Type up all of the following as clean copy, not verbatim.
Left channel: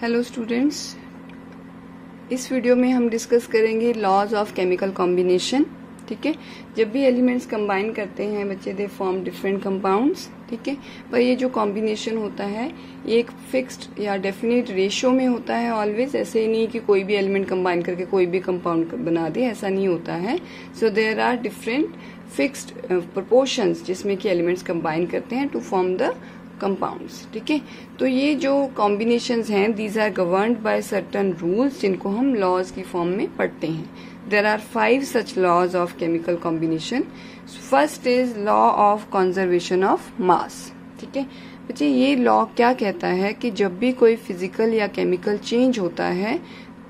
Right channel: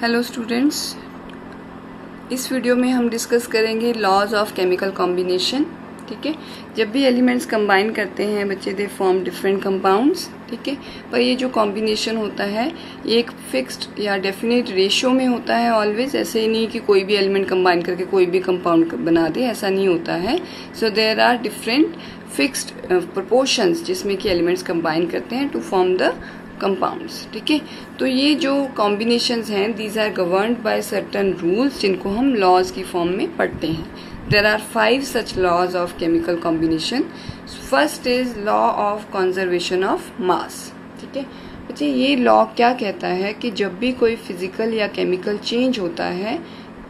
Hello students, इस video में हम डिस्कस करेंगे लॉज ऑफ केमिकल कॉम्बिनेशन। ठीक है, जब भी एलिमेंट्स कंबाइन करते हैं बच्चे दे फॉर्म डिफरेंट कंपाउंड्स। ठीक है, पर ये जो कॉम्बिनेशन होता है ये एक फिक्स्ड या डेफिनेट रेशियो में होता है ऑलवेज। ऐसे ही नहीं कि कोई भी एलिमेंट कंबाइन करके कोई भी कंपाउंड बना दे, ऐसा नहीं होता है। So there are different fixed proportions जिसमें कि एलिमेंट्स कंबाइन करते हैं टू फॉर्म द कंपाउंड्स। ठीक है, तो ये जो कॉम्बिनेशंस हैं these are governed by certain rules जिनको हम लॉज की फॉर्म में पढ़ते हैं। There are 5 such laws of chemical combination. First is law of conservation of mass. ठीक है बच्चे, ये लॉ क्या कहता है कि जब भी कोई फिजिकल या केमिकल चेंज होता है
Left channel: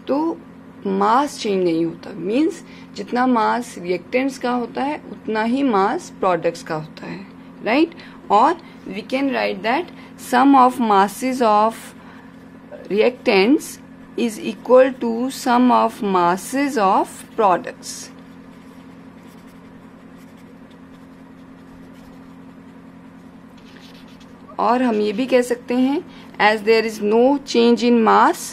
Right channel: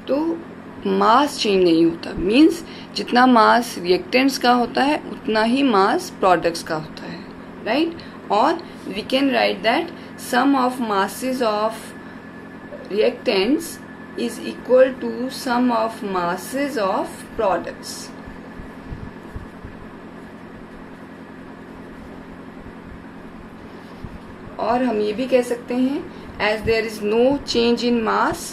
तो मास चेंज नहीं होता। मीन्स जितना मास रिएक्टेंट्स का होता है उतना ही मास प्रोडक्ट्स का होता है, राइट? और we can write that sum of masses of reactants is equal to sum of masses of products. और हम ये भी कह सकते हैं as there is no change in mass,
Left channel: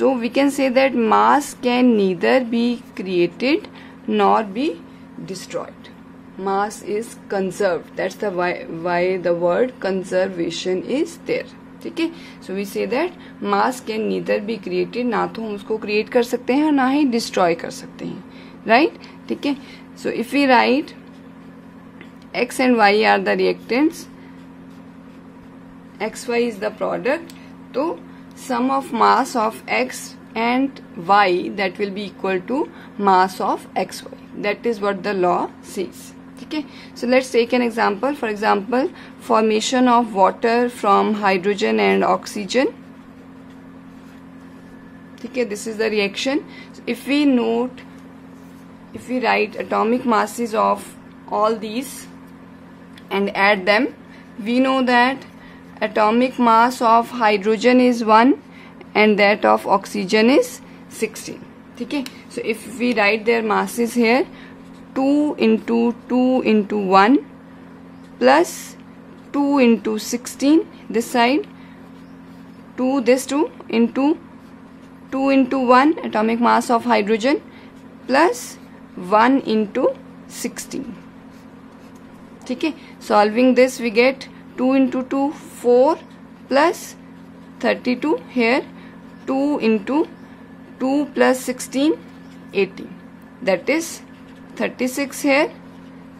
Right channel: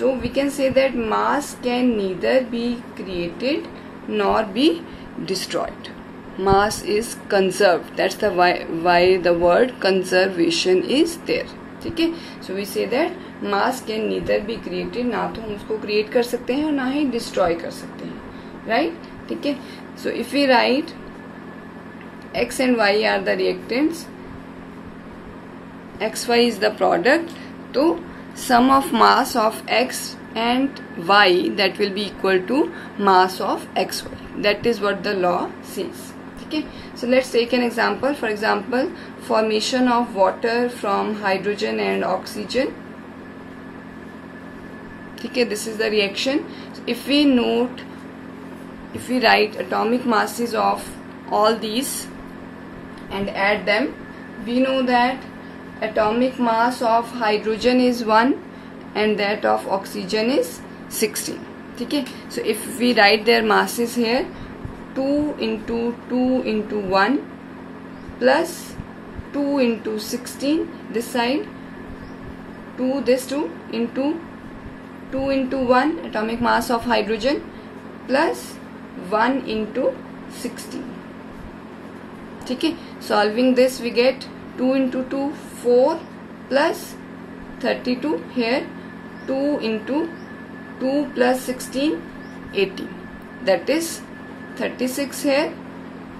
so we can say that mass can neither be created nor be destroyed. Mass is conserved. That's the why the word conservation is there. ठीक है, so we say that mass can neither be created, ना तो हम उसको create कर सकते हैं और ना ही destroy कर सकते हैं, right? ठीक है, so if we write x and y are the reactants, xy is the product, तो sum of mass of x and y that will be equal to mass of xy. That is what the law says. Okay, so let's take an example. For example, formation of water from hydrogen and oxygen. Okay, this is the reaction. So if we write atomic masses of all these and add them, we know that atomic mass of hydrogen is 1 and that of oxygen is 16. Okay, so if we write their masses here, 2 into 2 into 1 plus 2 into 16 this side, 2 this 2 into 2 into 1 atomic mass of hydrogen plus 1 into 16. ठीक है, solving this we get 2 into 2 4 plus 32 here, 2 into 2 plus 16 18, that is 36 here,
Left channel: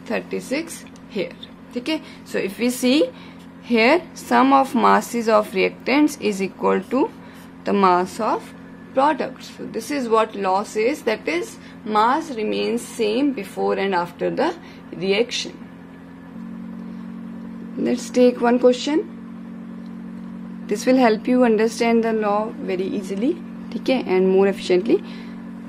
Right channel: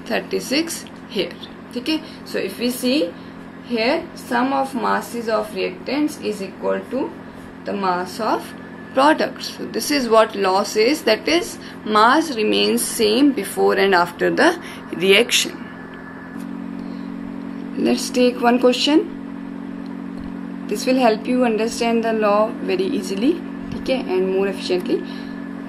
36 here. ठीक है, so if we see here sum of masses of reactants is equal to the mass of products. So this is what law says, that is mass remains same before and after the reaction. Let's take one question. This will help you understand the law very easily, ठीक है, and more efficiently.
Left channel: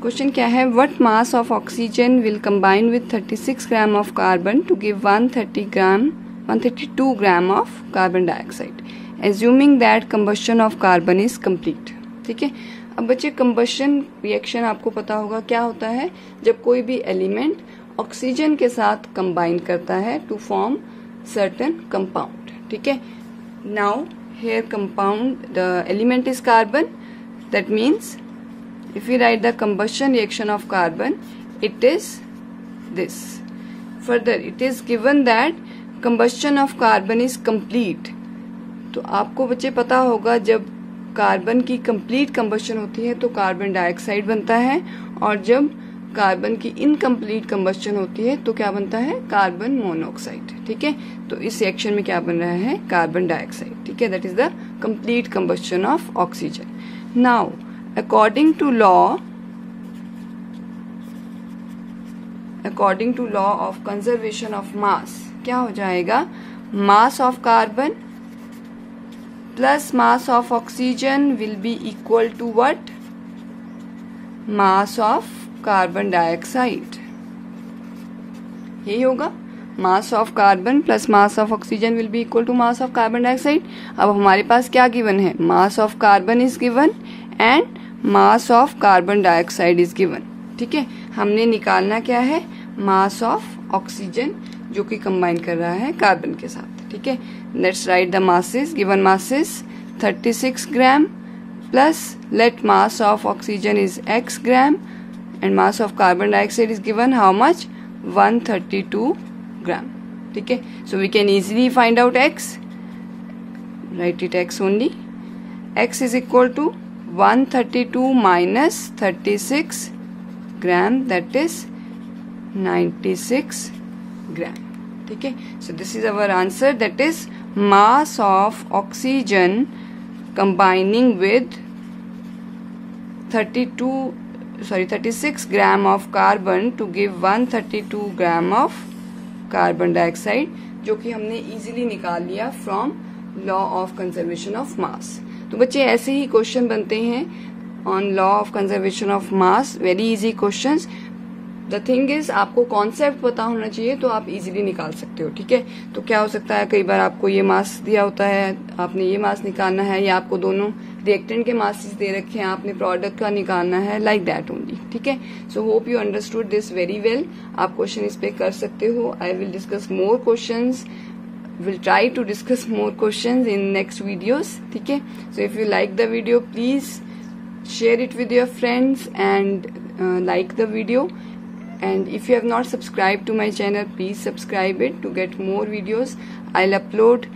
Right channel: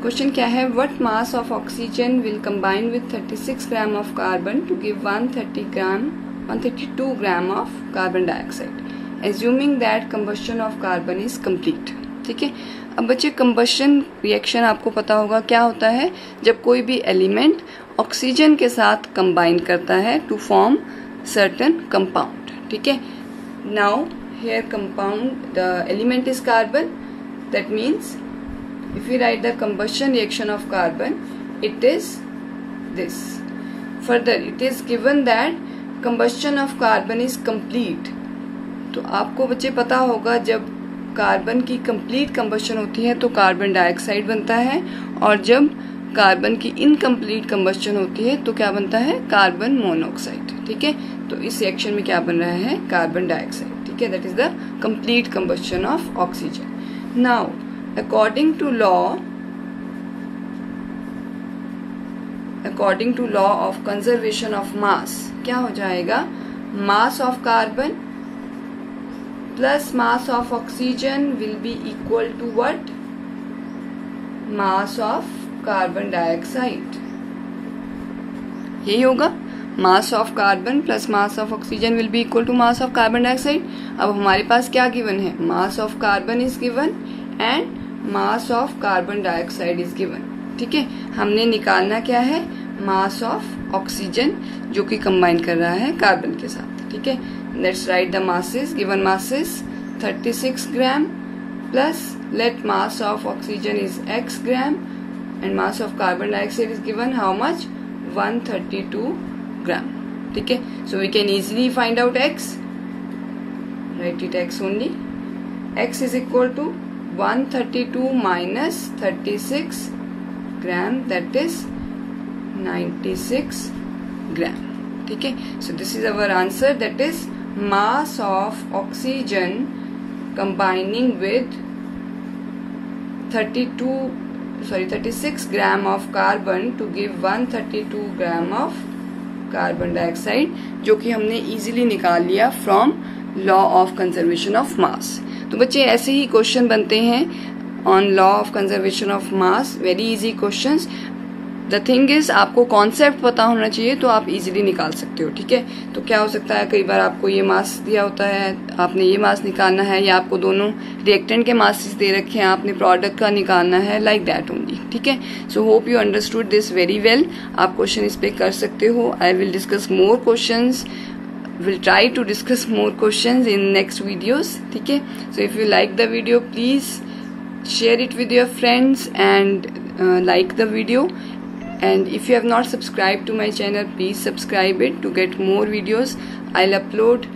क्वेश्चन क्या है? What mass of oxygen will combine with 36 gram of carbon to give 132 gram of carbon dioxide, assuming that combustion of carbon is complete. ठीक है, अब बच्चे combustion reaction आपको पता होगा क्या होता है। जब कोई भी एलिमेंट ऑक्सीजन के साथ कंबाइन करता है टू फॉर्म सर्टेन कंपाउंड। ठीक है, now here compound the element is carbon, that means if we write the combustion reaction of carbon, it is this. Further, it is given that combustion of carbon is complete. तो आपको बच्चे पता होगा जब carbon की complete combustion होती है तो कार्बन डाइऑक्साइड बनता है, और जब कार्बन की इनकम्प्लीट कंबशन होती है तो क्या बनता है? Carbon monoxide. ठीक है, तो इस रिएक्शन में क्या बन रहा है? Carbon dioxide. ठीक है, that is the complete combustion of oxygen. Now according to law of conservation of mass, क्या हो जाएगा? mass of carbon plus mass of oxygen will be equal to what? mass of carbon dioxide. यही होगा, mass of carbon plus mass of oxygen will be equal to mass of carbon dioxide. अब हमारे पास क्या given है? mass of carbon is given and mass of carbon dioxide is given. ठीक है, हमने निकालना क्या है? मास ऑफ ऑक्सीजन जो कि कंबाइन कर रहा है कार्बन के साथ। ठीक है, let's write the masses. Given masses 36 gram plus let mass of oxygen is x gram and mass of carbon dioxide is given how much 132 gram. ठीक है, so we can easily find out x. Write it x only. X is equal to 132 minus 36 gram, that is 96 gram. ठीक है, so this is our answer, that is mass of oxygen combining with 36 gram of carbon to give 132 gram of carbon dioxide, जो कि हमने easily निकाल लिया from law of conservation of mass. तो बच्चे ऐसे ही क्वेश्चन बनते हैं on law of conservation of mass, very easy questions. The thing is आपको कॉन्सेप्ट पता होना चाहिए तो आप इजीली निकाल सकते हो. ठीक है, तो क्या हो सकता है, कई बार आपको ये मास दिया होता है, आपने ये मास निकालना है, या आपको दोनों रिएक्टेंट के मासेस दे रखे हैं, आपने प्रोडक्ट का निकालना है, लाइक दैट ओनली. ठीक है, so hope you understood this very well. आप क्वेश्चन इस पे कर सकते हो. I will discuss more questions, will try to discuss more questions in next videos. ठीक है, so if you like the video, please share it with your friends and like the video. And if you have not subscribed to my channel, please subscribe it to get more videos. I'll upload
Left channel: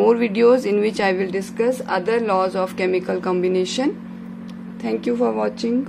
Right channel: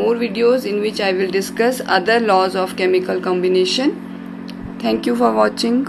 more videos in which I will discuss other laws of chemical combination. Thank you for watching.